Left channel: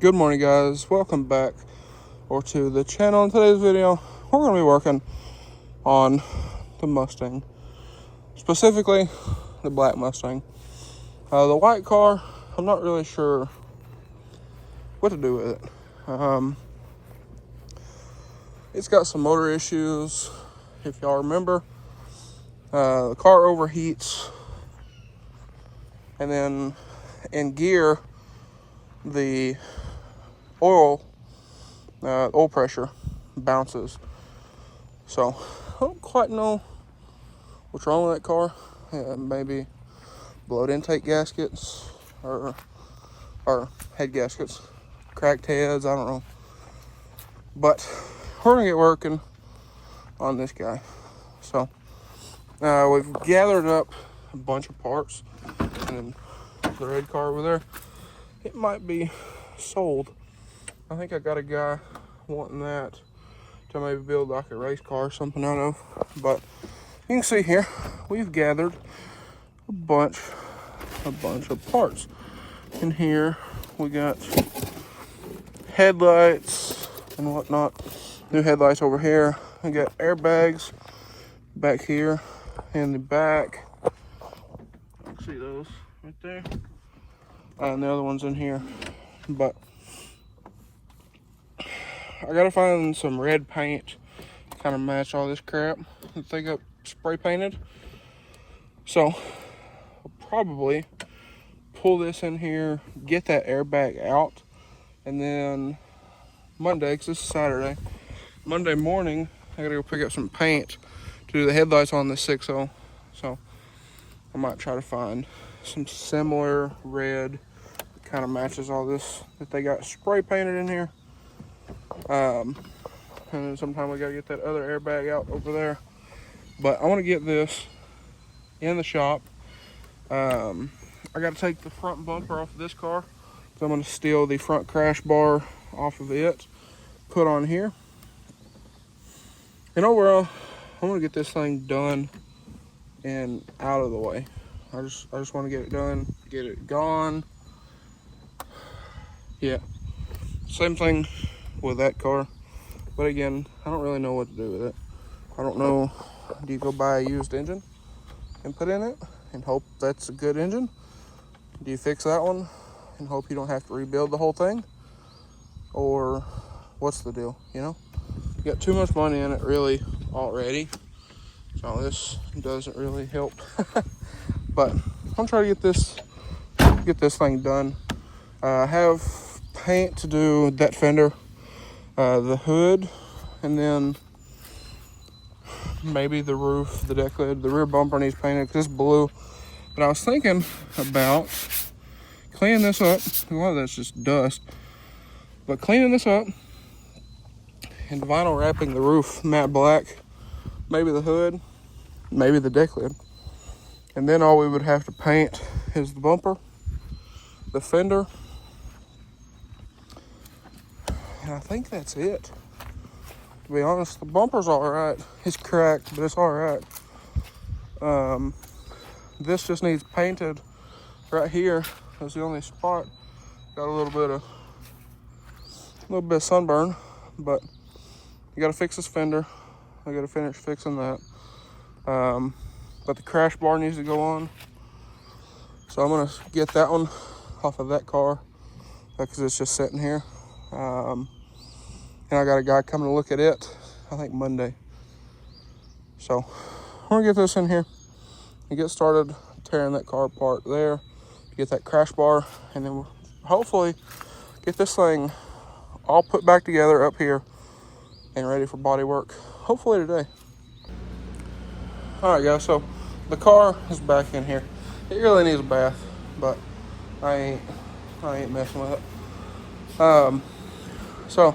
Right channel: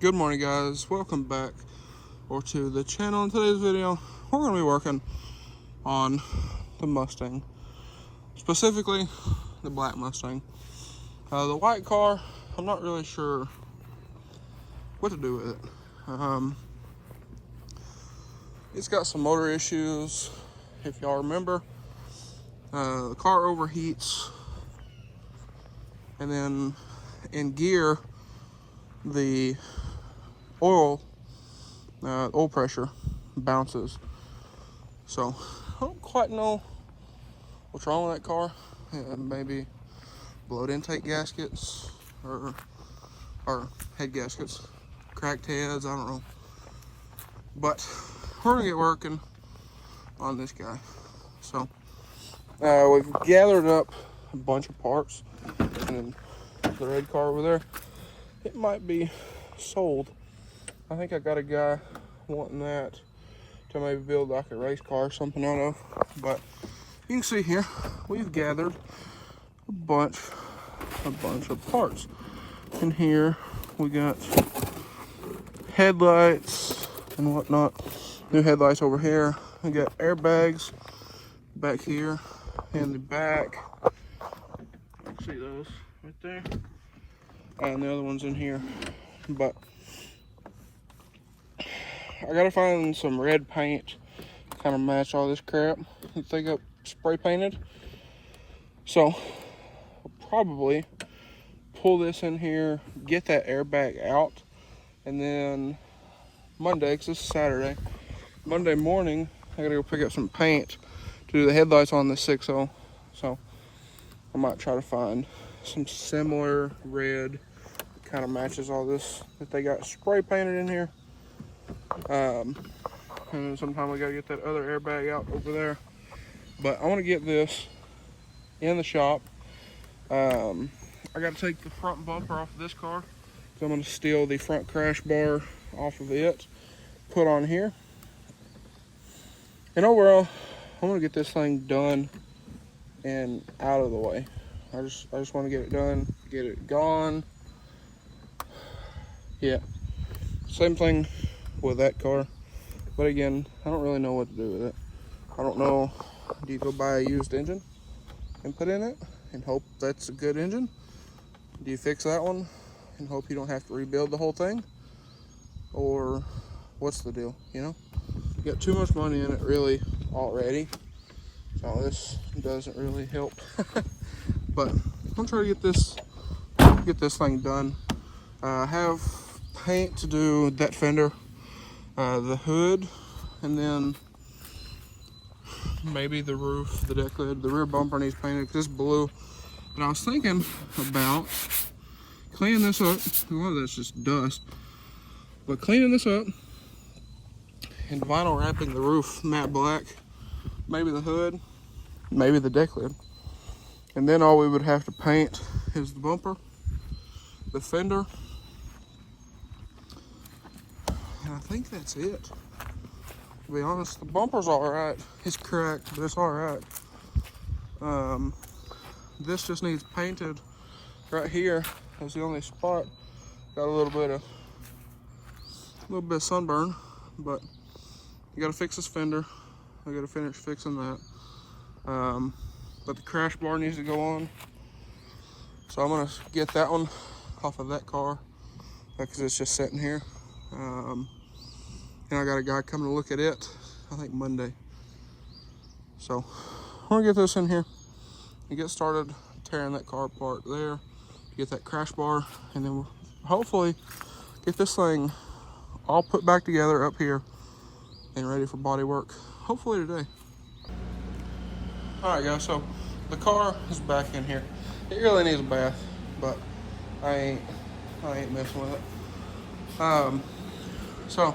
Good morning, guys. Welcome back to the channel. In today's video, we're going to be working on the Mustang, specifically the black Mustang. The white car, I'm not really sure what to do with it. It's got some motor issues. If y'all remember, the car overheats, and then in gear, the oil pressure bounces. So I don't quite know what's wrong with that car. Maybe blown intake gaskets or head gaskets, cracked heads, I don't know. But we're gonna get working on this guy. So we've gathered up a bunch of parts, and the red car over there, it might be sold. I think I got a guy wanting that to maybe build like a race car or something out of. But you can see here, we've gathered a bunch of parts. In here, we got headlights and whatnot. New headlights over here. We got airbags back here in the back. See those right there? And the other one's in here. But I gotta find some red paint kind of match all this crap that they got spray painted. So I'll probably pull this in here, get that airbag out, and then Monday, because this is Saturday, Monday morning, I gotta go pick up some paint to do the headlights on the 6.0. So I might try to find some similar red that kind of matches all this that they got spray painted in here. And then sometime we gotta get that other airbag out over there. But I want to get this in the shop. I gotta take the front bumper off of this car. So I'm gonna steal the front crash bar off of it, put on here. And overall, I want to get this thing done and out of the way. I just want to get it done, get it gone. Yeah, same thing with that car, but again, I don't really know what to do with it. I don't know, do you go buy a used engine and put in it and hope that's a good engine? Do you fix that one and hope you don't have to rebuild the whole thing? Or what's the deal, you know? You got too much money in it really already, so this doesn't really help. But I'm gonna try to get this thing done. I have paint to do that fender, the hood, and then maybe the roof, the deck lid. The rear bumper needs painted because it's blue. But I was thinking about cleaning this up. A lot of that's just dust. But cleaning this up and vinyl wrapping the roof matte black, maybe the hood, maybe the deck lid. And then all we would have to paint is the bumper, the fender, and I think that's it. To be honest, the bumper's all right. It's cracked, but it's all right. This just needs painted right here. That's the only spot. Got a little bit of sunburn, but you gotta fix this fender. I gotta finish fixing that. But the crash bar needs to go on. So I'm gonna get that one off of that car because it's just sitting here. And I got a guy coming to look at it, I think Monday. So I'm gonna get this in here and get started tearing that car apart there, get that crash bar, and then we'll hopefully get this thing all put back together up here and ready for body work, hopefully today. All right, guys, so the car is back in here. It really needs a bath, but I ain't messing with it. So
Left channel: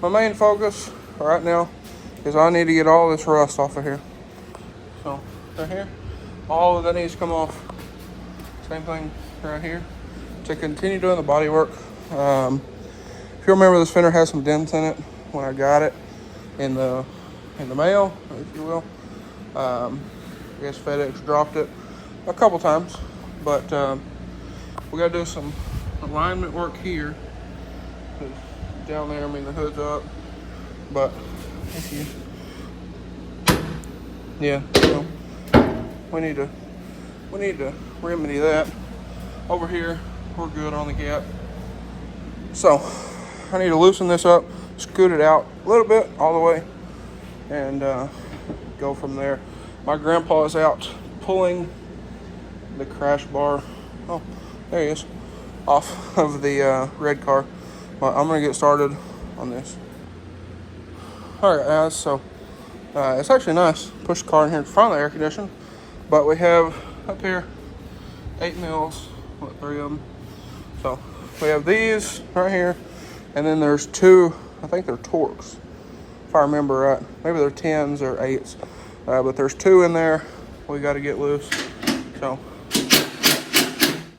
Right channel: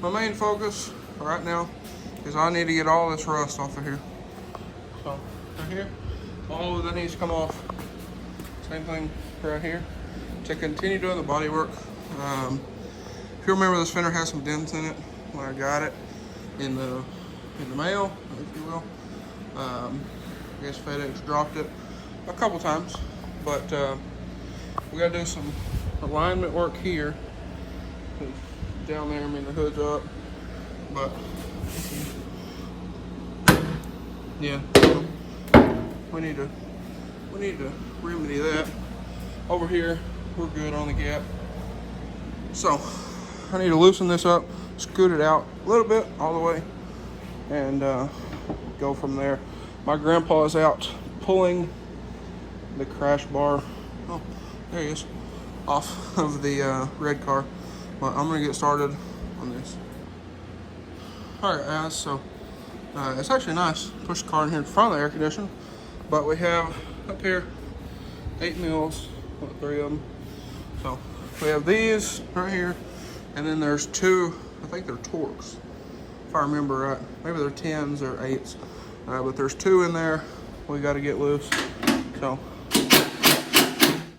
my main focus right now is I need to get all this rust off of here. So right here, all of that needs to come off. Same thing right here. To continue doing the body work. If you remember, this fender has some dents in it when I got it in the mail, if you will. I guess FedEx dropped it a couple times, but we gotta do some alignment work here down there, I mean the hood's up. But yeah, so we need to remedy that. Over here, we're good on the gap. So I need to loosen this up, scoot it out a little bit all the way, and go from there. My grandpa is out pulling the crash bar. Oh, there he is, off of the red car. But I'm gonna get started on this. All right, guys. So it's actually nice. Push the car in here in front of the air conditioner, but we have up here 8 mules, 3 of them. So we have these right here, and then there's 2. I think they're Torques, if I remember right. Maybe they're 10s or 8s, but there's 2 in there. We got to get loose. So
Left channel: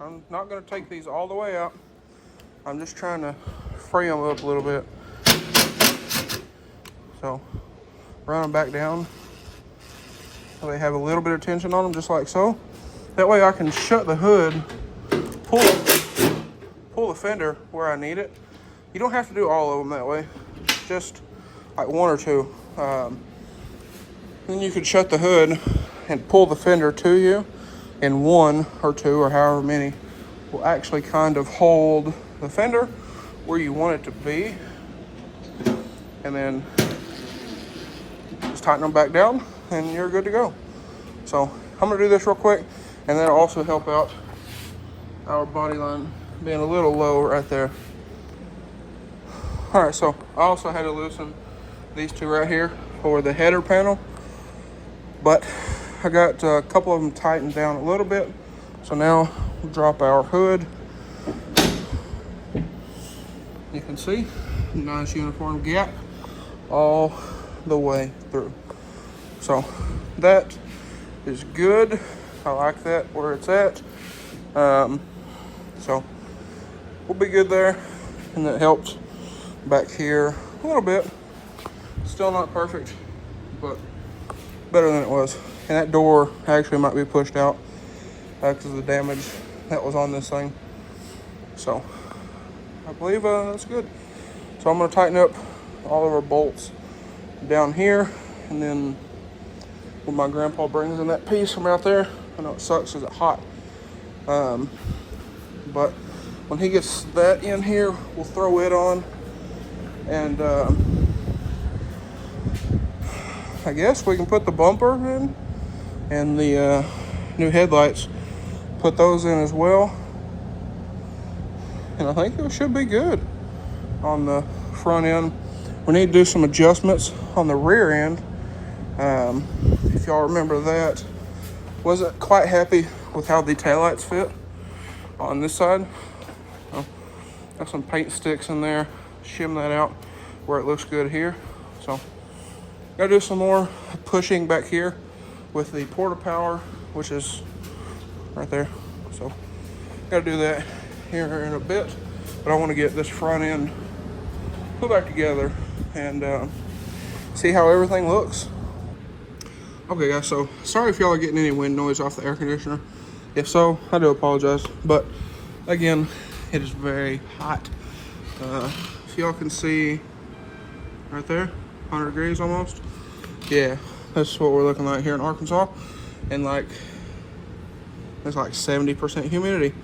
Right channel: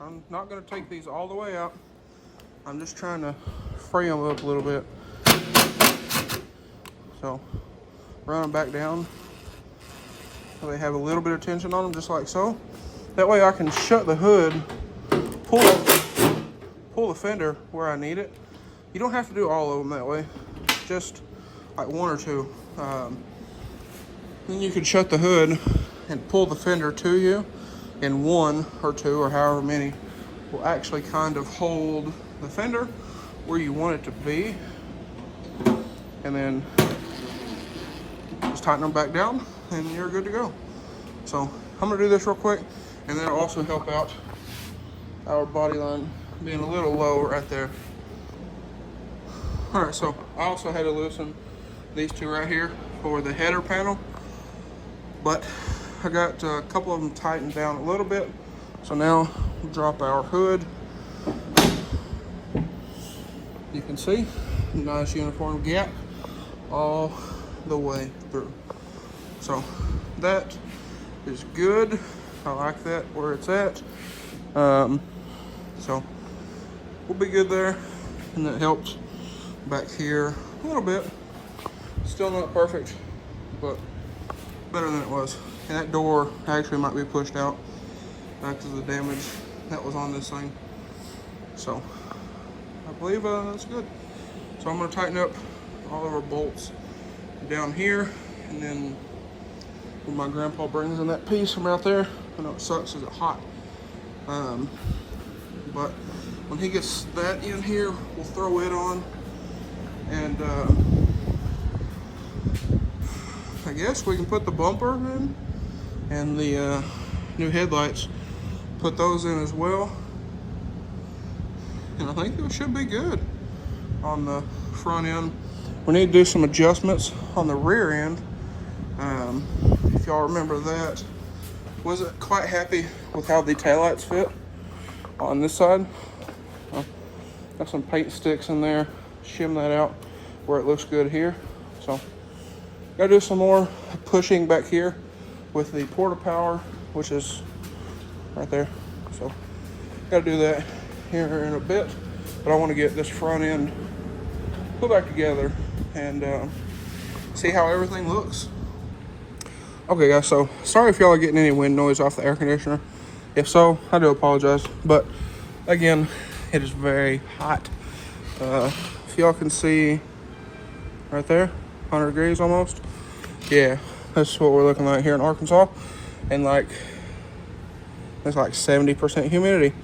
I'm not going to take these all the way out. I'm just trying to free them up a little bit. So run them back down so they have a little bit of tension on them, just like so. That way I can shut the hood, pull the fender where I need it. You don't have to do all of them that way, just like 1 or 2. Then you can shut the hood and pull the fender to you, and 1 or 2 or however many will actually kind of hold the fender where you want it to be. And then just tighten them back down and you're good to go. So I'm gonna do this real quick, and that'll also help out our body line being a little low right there. All right, so I also had to loosen these 2 right here for the header panel, but I got a couple of them tightened down a little bit. So now we'll drop our hood. You can see, nice uniform gap all the way through. So that is good. I like that where it's at. So we'll be good there, and that helped back here a little bit. Still not perfect, but better than it was. And that door actually might be pushed out because of the damage that was on this thing. So I believe that's good. So I'm going to tighten up all of our bolts down here, and then when my grandpa brings in that piece from out there, I know it sucks because it's hot, but when he gets that in here, we'll throw it on, and I guess we can put the bumper in and the new headlights, put those in as well, and I think it should be good on the front end. We need to do some adjustments on the rear end. If y'all remember that, wasn't quite happy with how the taillights fit on this side. So, got some paint sticks in there, shim that out where it looks good here. So gotta do some more pushing back here with the porta power, which is right there. So gotta do that here in a bit, but I want to get this front end put back together and see how everything looks. Okay guys, so sorry if y'all are getting any wind noise off the air conditioner. If so, I do apologize, but again, it is very hot. If y'all can see right there, 100 degrees almost. Yeah, this is what we're looking like here in Arkansas, and like there's like 70% humidity.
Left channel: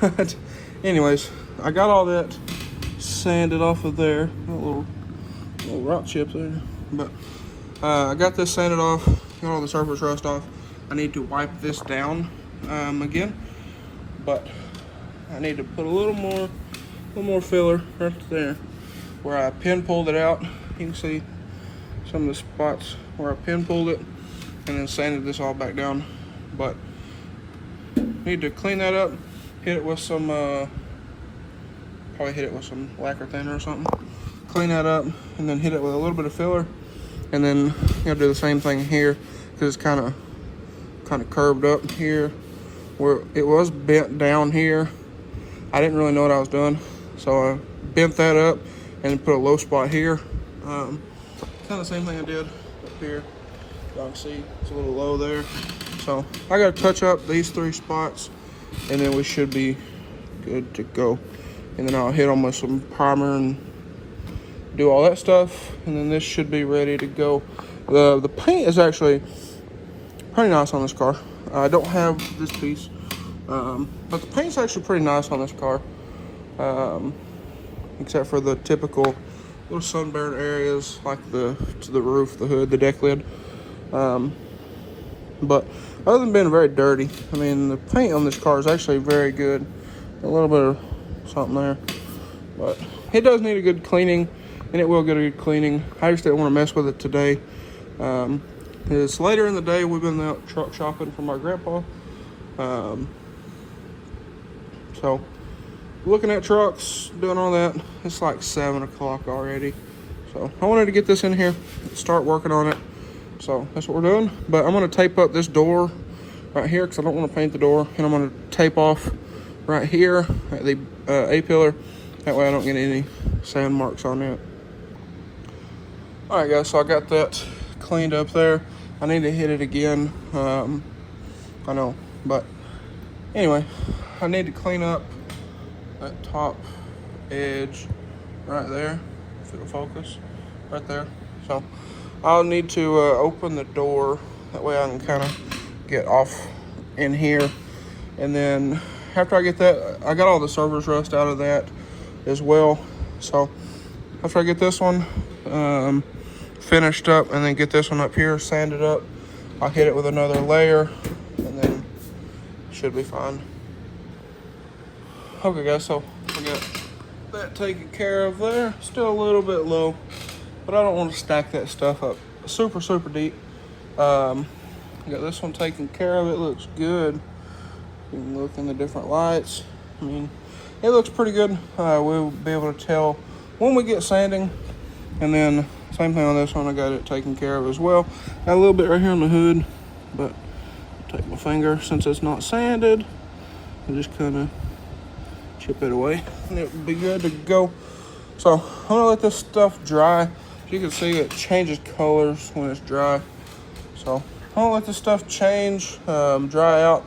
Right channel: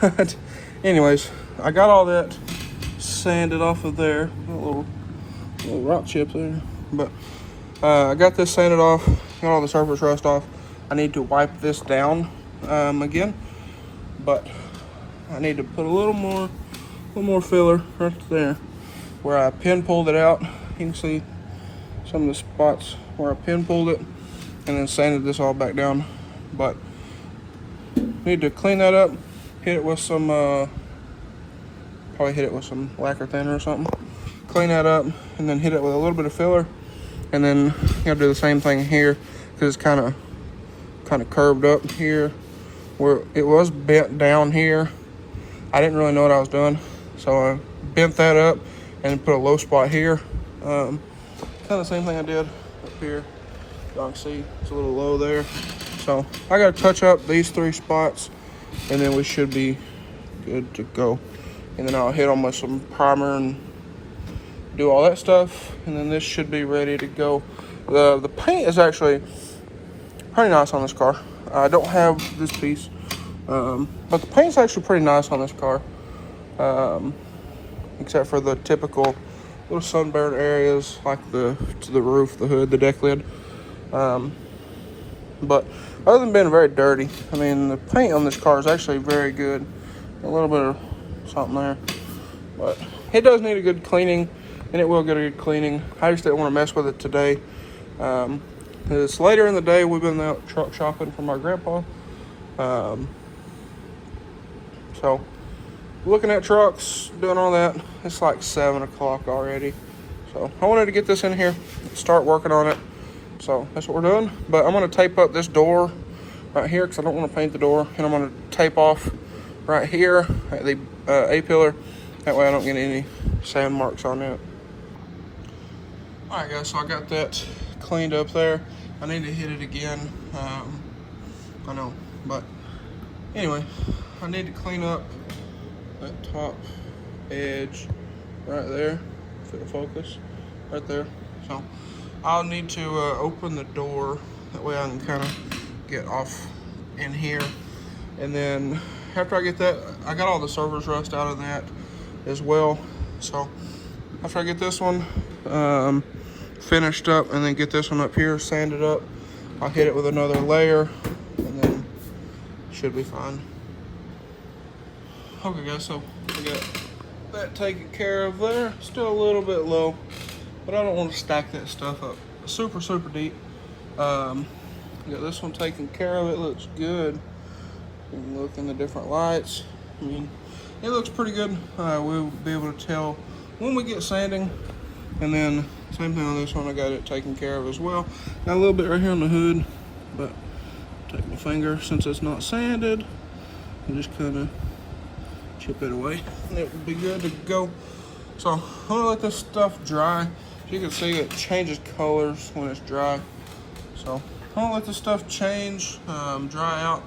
But anyways, I got all that sanded off of there, a little rock chip there, but I got this sanded off, got all the surface rust off. I need to wipe this down again, but I need to put a little more filler right there where I pin pulled it out. You can see some of the spots where I pin pulled it, and then sanded this all back down. But need to clean that up, hit it with some probably hit it with some lacquer thinner or something, clean that up, and then hit it with a little bit of filler, and then you gotta do the same thing here because it's kind of curved up here where it was bent down here. I didn't really know what I was doing, so I bent that up and put a low spot here. Kind of the same thing I did up here. Y'all can see it's a little low there. So I gotta touch up these 3 spots, and then we should be good to go. and then I'll hit them with some primer and do all that stuff, and then this should be ready to go. The paint is actually pretty nice on this car. I don't have this piece, but the paint's actually pretty nice on this car, except for the typical little sunburn areas like to the roof, the hood, the deck lid. But other than being very dirty, I mean, the paint on this car is actually very good. A little bit of something there, but it does need a good cleaning, and it will get a good cleaning. I just didn't want to mess with it today. It's later in the day. We've been out truck shopping for my grandpa. So looking at trucks, doing all that. It's like 7 o'clock already. So I wanted to get this in here, start working on it. So that's what we're doing. But I'm going to tape up this door right here because I don't want to paint the door. And I'm going to tape off right here at the A-pillar. That way I don't get any sand marks on it. Alright guys, so I got that cleaned up there. I need to hit it again. I know, but anyway, I need to clean up that top edge right there. If it will focus, right there. So I'll need to open the door. That way I can kind of get off in here. And then after I get that, I got all the surface rust out of that as well. So after I get this one finished up and then get this one up here sanded up, I'll hit it with another layer and then it should be fine. Okay guys, so we got that taken care of there. Still a little bit low, but I don't want to stack that stuff up super deep. Got this one taken care of. It looks good. You can look in the different lights. I mean, it looks pretty good. We'll be able to tell when we get sanding. And then same thing on this one, I got it taken care of as well. Got a little bit right here on the hood, but take my finger, since it's not sanded, I just kind of chip it away and it will be good to go. So I'm gonna let this stuff dry. As you can see, it changes colors when it's dry. So I'm gonna let this stuff change, dry out,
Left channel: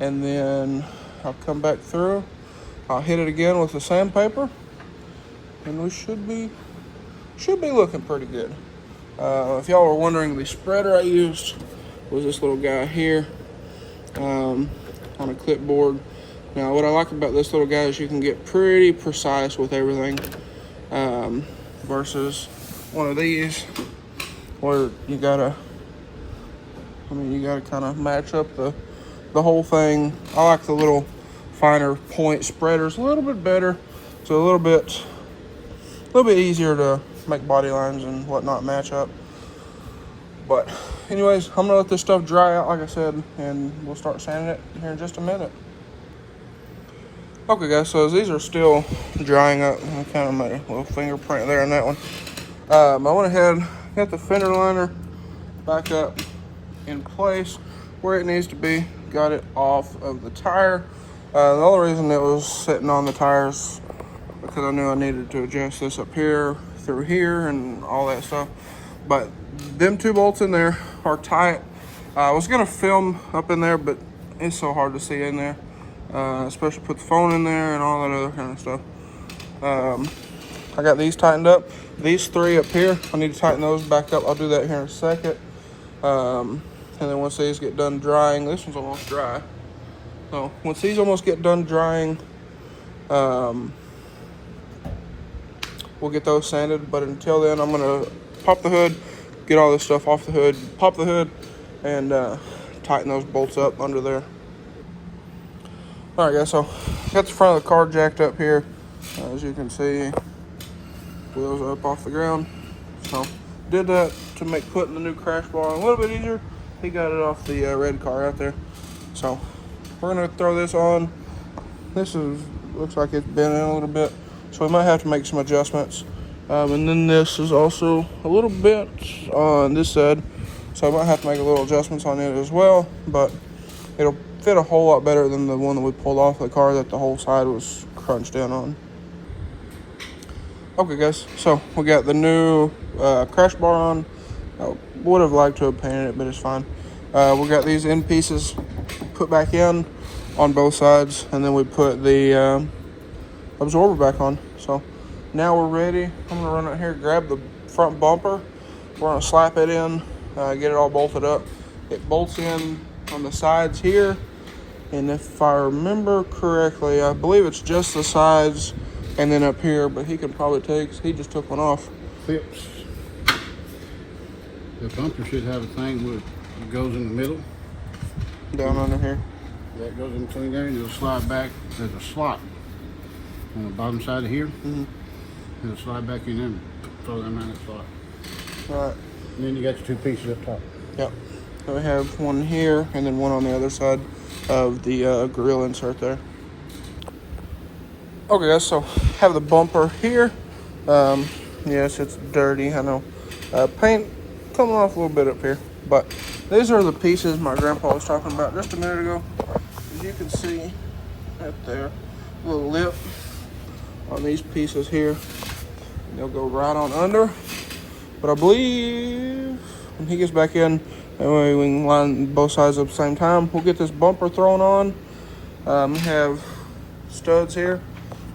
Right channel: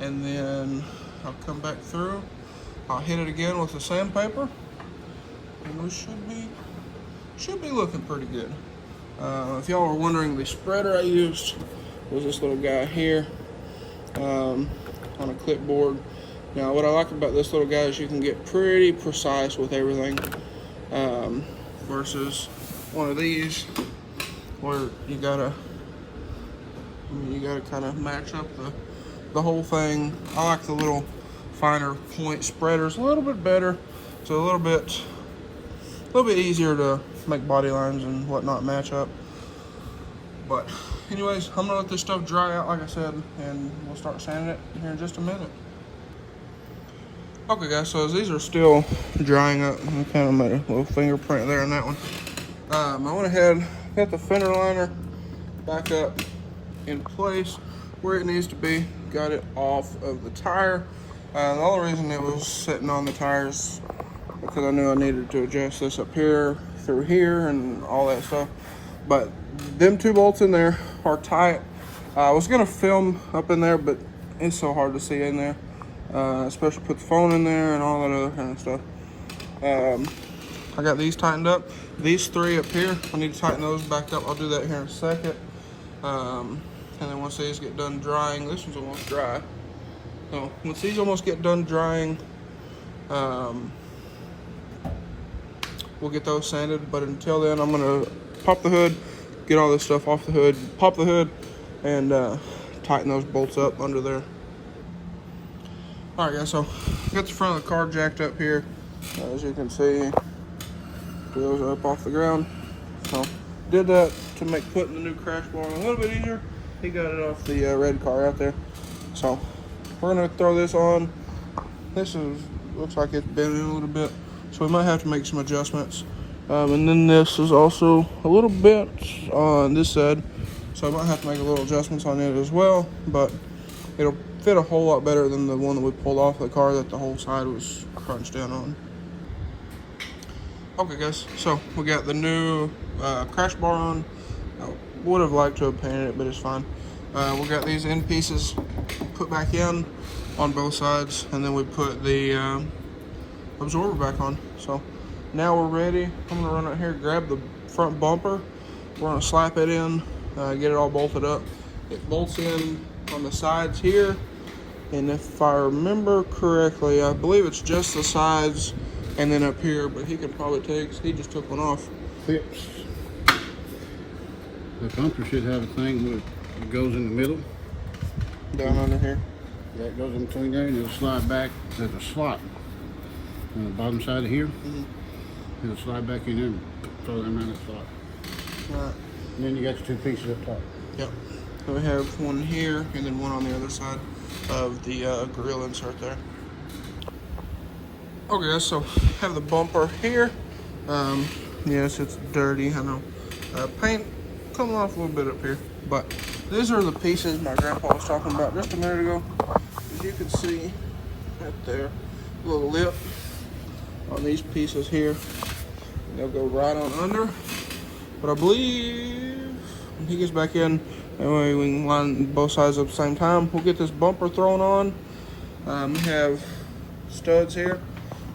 and then I'll come back through. I'll hit it again with the sandpaper, and we should be looking pretty good. If y'all were wondering, the spreader I used was this little guy here on a clipboard. Now, what I like about this little guy is you can get pretty precise with everything, versus one of these where you gotta kind of match up the whole thing. I like the little finer point spreaders a little bit better. So a little bit easier to make body lines and whatnot match up. But anyways, I'm gonna let this stuff dry out like I said, and we'll start sanding it here in just a minute. Okay guys, so as these are still drying up, I kind of made a little fingerprint there on that one. I went ahead, get the fender liner back up in place where it needs to be. Got it off of the tire. The only reason it was sitting on the tires because I knew I needed to adjust this up here, through here, and all that stuff. But them 2 bolts in there are tight. I was gonna film up in there, but it's so hard to see in there. Especially put the phone in there and all that other kind of stuff. I got these tightened up. These 3 up here, I need to tighten those back up. I'll do that here in a second. And then once these get done drying, this one's almost dry. So once these almost get done drying, we'll get those sanded. But until then, I'm gonna pop the hood, get all this stuff off the hood, pop the hood, and tighten those bolts up under there. All right guys, so got the front of the car jacked up here. As you can see, goes up off the ground. So did that to make putting the new crash bar a little bit easier. He got it off the red car out there. So we're gonna throw this on. This looks like it's bent in a little bit, so we might have to make some adjustments. And then this is also a little bit on this side, so I might have to make a little adjustments on it as well, but it'll fit a whole lot better than the one that we pulled off the car that the whole side was crunched down on. Okay guys, so we got the new crash bar on. I would have liked to have painted it, but it's fine. We got these end pieces put back in on both sides, and then we put the absorber back on. So now we're ready. I'm gonna run out here, grab the front bumper. We're gonna slap it in, get it all bolted up. It bolts in on the sides here. And if I remember correctly, I believe it's just the sides and then up here, but he could probably he just took one off. Clips. The bumper should have a thing that goes in the middle. Down under here. That goes in between there, and it'll slide back. There's a slot on the bottom side of here. And it'll slide back in there and throw them around the slot. Right. And then you got the two pieces up top. Yep. So we have one here and then one on the other side of the grill insert there. Okay guys, so have the bumper here. Yes, it's dirty, I know. Paint coming off a little bit up here, but these are the pieces my grandpa was talking about just a minute ago. As you can see right there, a little lip on these pieces here. They'll go right on under, but I believe when he gets back in, that way we can line both sides up at the same time. We'll get this bumper thrown on. We have studs here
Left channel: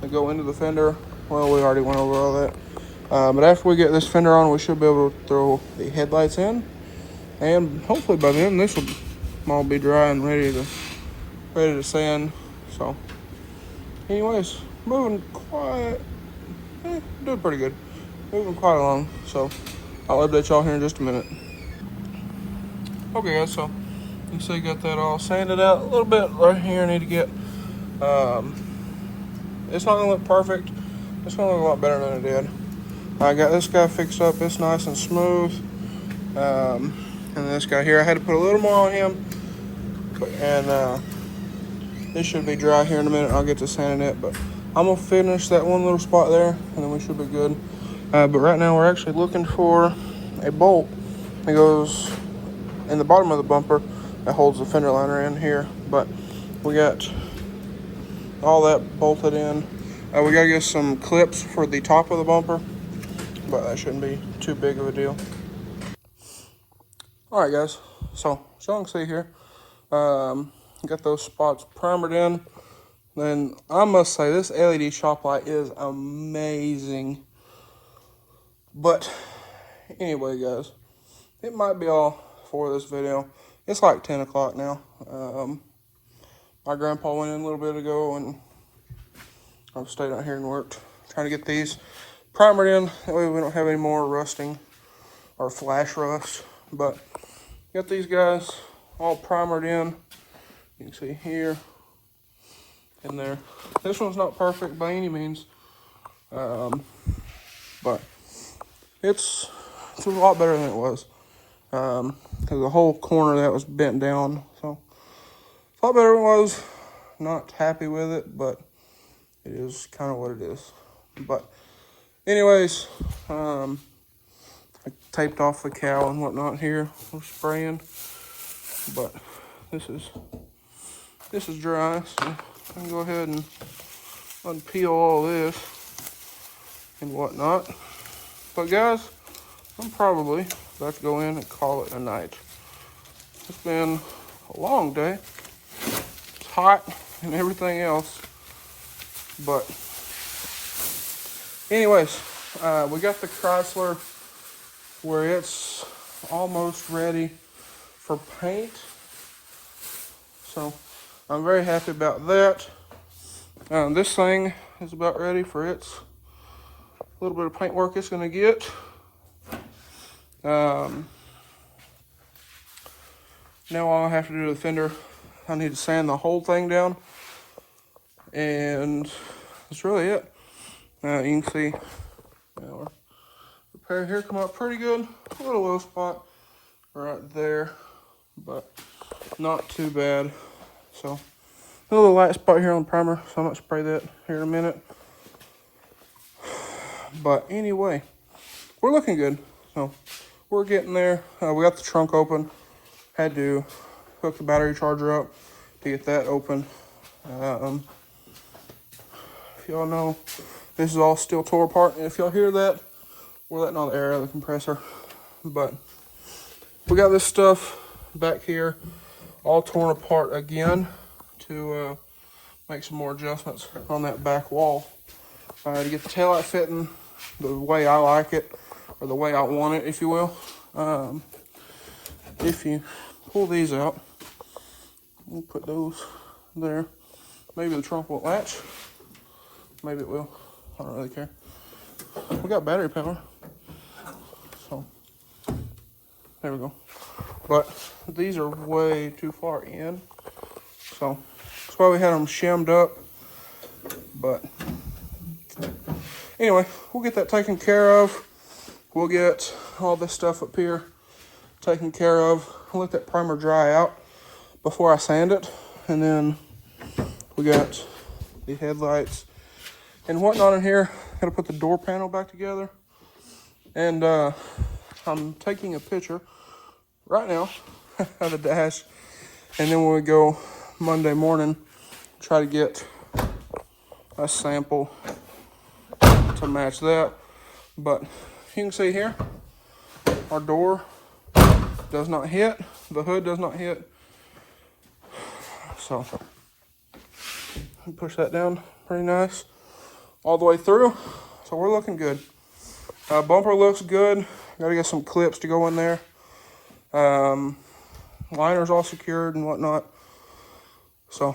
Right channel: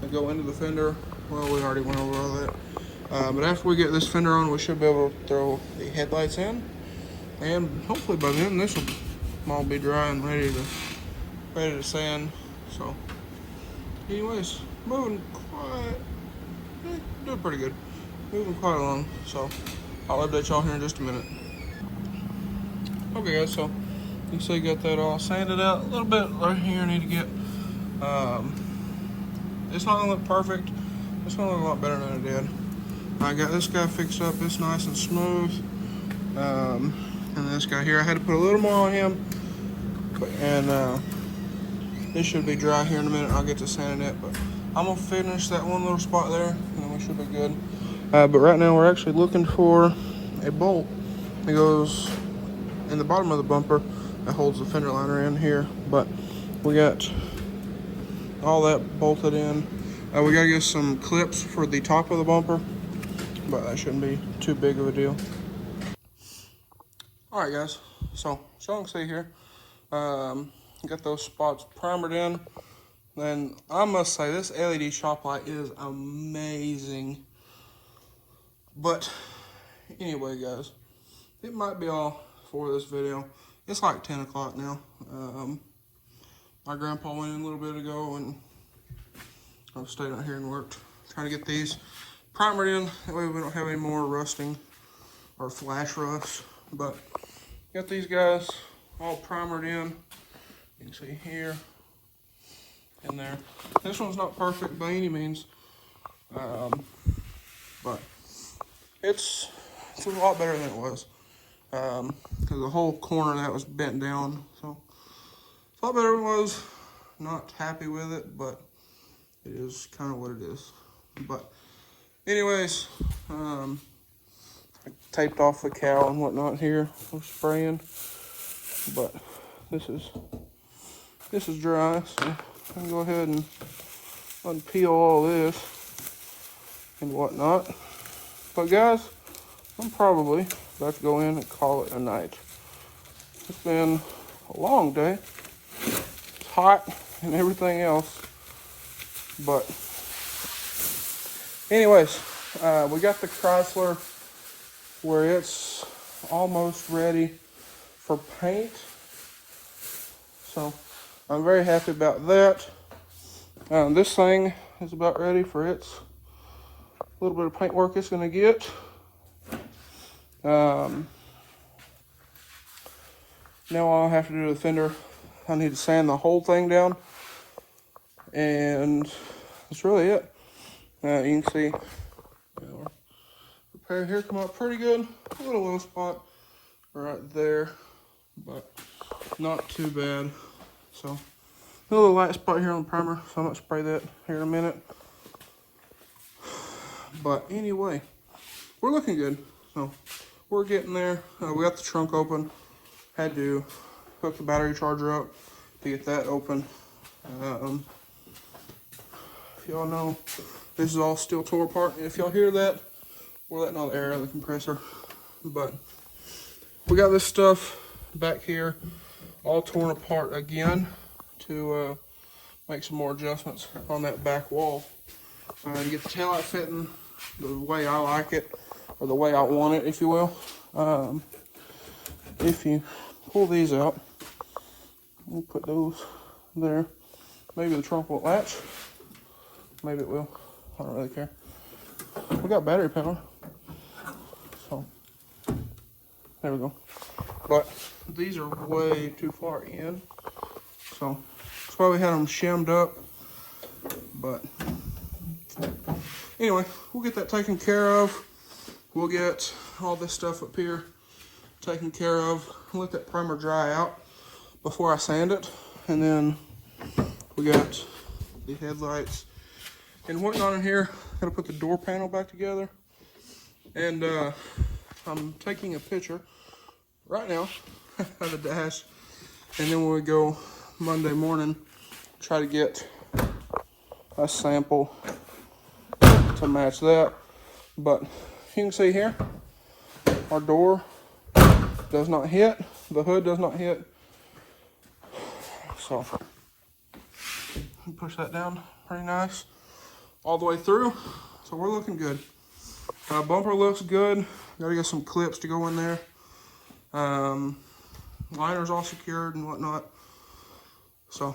that go into the fender. Well, we already went over all that. But after we get this fender on, we should be able to throw the headlights in. And hopefully by then, this will all be dry and ready to sand. So, anyways, moving doing pretty good. Moving quite along. So, I'll update y'all here in just a minute. Okay guys, so you see got that all sanded out. A little bit right here I need to get, it's not gonna look perfect. It's gonna look a lot better than it did. I got this guy fixed up, it's nice and smooth. And this guy here, I had to put a little more on him. And this should be dry here in a minute. I'll get to sanding it, but I'm gonna finish that one little spot there and then we should be good. But right now we're actually looking for a bolt that goes in the bottom of the bumper that holds the fender liner in here, but we got all that bolted in. We gotta get some clips for the top of the bumper, but that shouldn't be too big of a deal. All right, guys. So as y'all can see here, got those spots primered in. Then I must say this LED shop light is amazing. But anyway, guys, it might be all for this video. It's like 10 o'clock now. My grandpa went in a little bit ago and I stayed out here and worked trying to get these primered in. That way we don't have any more rusting or flash rust. But got these guys all primered in. You can see here and there. This one's not perfect by any means, but it's a lot better than it was. Because the whole corner that was bent down, so it's a lot better than it was. Not happy with it, but it is kind of what it is. But anyways, I taped off the cowl and whatnot here. I'm spraying, but this is dry, so I'll go ahead and unpeel all this and whatnot. But guys, I'm probably about to go in and call it a night. It's been a long day. It's hot and everything else. But anyways, we got the Chrysler where it's almost ready for paint. So I'm very happy about that. This thing is about ready for its little bit of paint work it's gonna get. Now all I have to do to the fender, I need to sand the whole thing down, and that's really it. You can see our repair here come out pretty good. A little low spot right there, but not too bad. So a little light spot here on the primer, so I'm gonna spray that here in a minute. But anyway, we're looking good. So we're getting there. We got the trunk open. Had to hook the battery charger up to get that open. If y'all know, this is all still tore apart. And if y'all hear that, we're letting all the air out of the compressor. But we got this stuff back here all torn apart again to make some more adjustments on that back wall. to get the taillight fitting the way I like it, or the way I want it, if you will. If you pull these out, we'll put those there. Maybe the trunk won't latch. Maybe it will. I don't really care. We got battery power. So, there we go. But these are way too far in. So, that's why we had them shimmed up. But, anyway, we'll get that taken care of. We'll get all this stuff up here taken care of. I'll let that primer dry out before I sand it. And then we got the headlights and whatnot in here. Gotta put the door panel back together. And I'm taking a picture right now of the dash. And then when we go Monday morning, try to get a sample to match that. But you can see here, our door does not hit, the hood does not hit. So push that down pretty nice all the way through. So we're looking good. Bumper looks good. Gotta get some clips to go in there. Liner's all secured and whatnot. So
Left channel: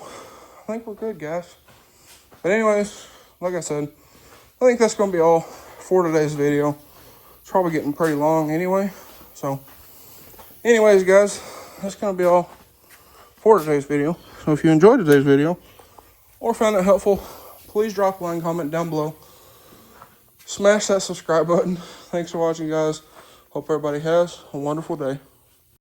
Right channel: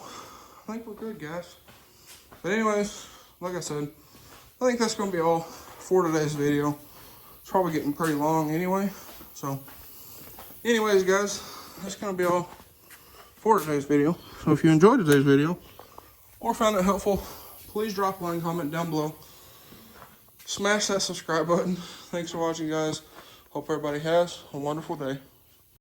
I think we're good, guys. But anyways, like I said, I think that's gonna be all for today's video. It's probably getting pretty long anyway. So anyways, guys, that's gonna be all for today's video. So if you enjoyed today's video or found it helpful, please drop a line comment down below. Smash that subscribe button. Thanks for watching, guys. Hope everybody has a wonderful day.